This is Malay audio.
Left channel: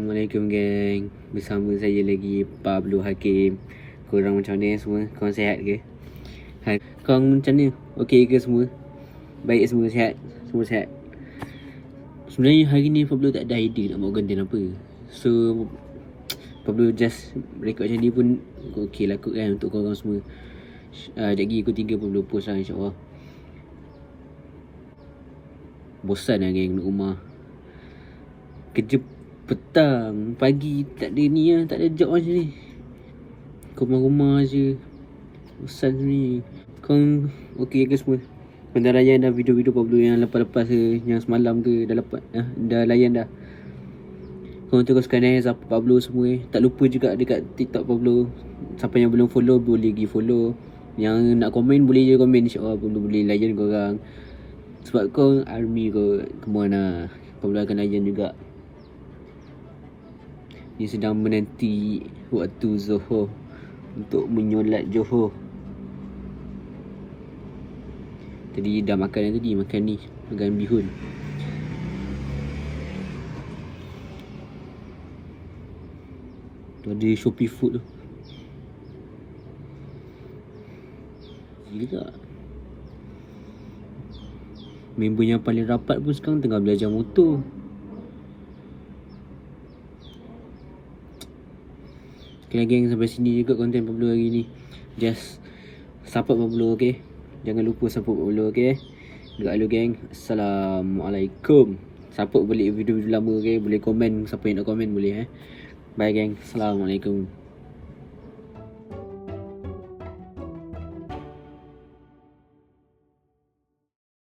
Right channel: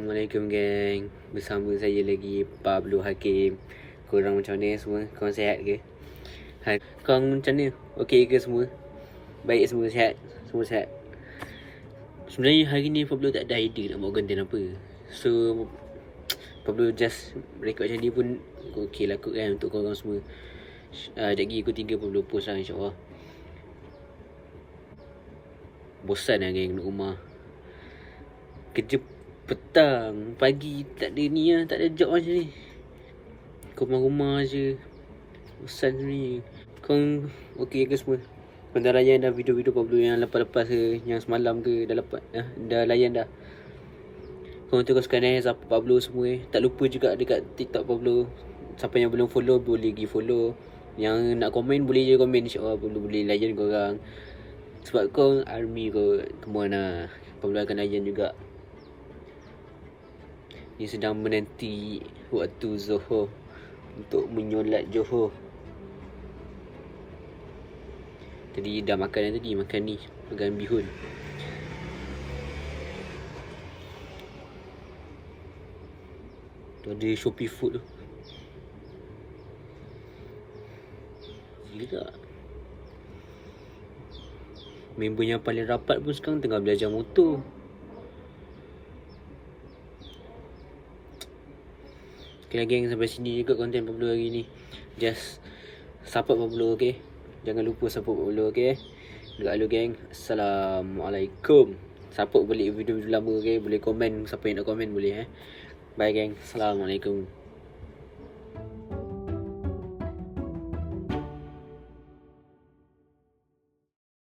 Assalamualaikum geng. Bersama saya lagi Pablo Hakim. Korang macam mana semua? Korang sihat ke? Korang macam mana? Okey ke semua? Baik semua, sihat? Semua sihat? Sebenarnya hari ni Pablo tak ada idea nak buat konten apa. So Pablo just record macam ni pun okey lah kot kan untuk korang semua. Sekejap lagi pukul 3 Pablo post lah, insyaAllah. Bosan lah geng duduk rumah. Kerja petang, pagi tak ada ni lah, tak ada job macam ni. Rumah-rumah je. Bosan sebenarnya. Korang okey ke semua? Korang dah layan dah video-video Pablo yang lepas-lepas ke, yang semalam ke, dah layan dah. Korang teruskan support Pablo semua. Tak lupa juga dekat TikTok Pablo. Siapa yang belum follow boleh pergi follow. Yang nak komen boleh je komen, insyaAllah Pablo boleh layan korang. Sebab korang army kot. Come on lah, Pablo akan layan juga. Ni sedang menanti waktu Zuhur untuk menyolat Zuhur. Tadi dah makan dah tadi, makan ni dengan bihun. Tu ada Shopee Food tu. Gila. Member yang paling rapat pun sekarang tengah belajar motor. Okay geng, sampai sini juga konten Pablo hari ni. Just support Pablo, okay? Jangan lupa support Pablo, okay? Dekat lu geng. Assalamualaikum. Support balik video-video lama, okay? Boleh komen, siapa yang nak komen boleh. Bye geng. Assalamualaikum.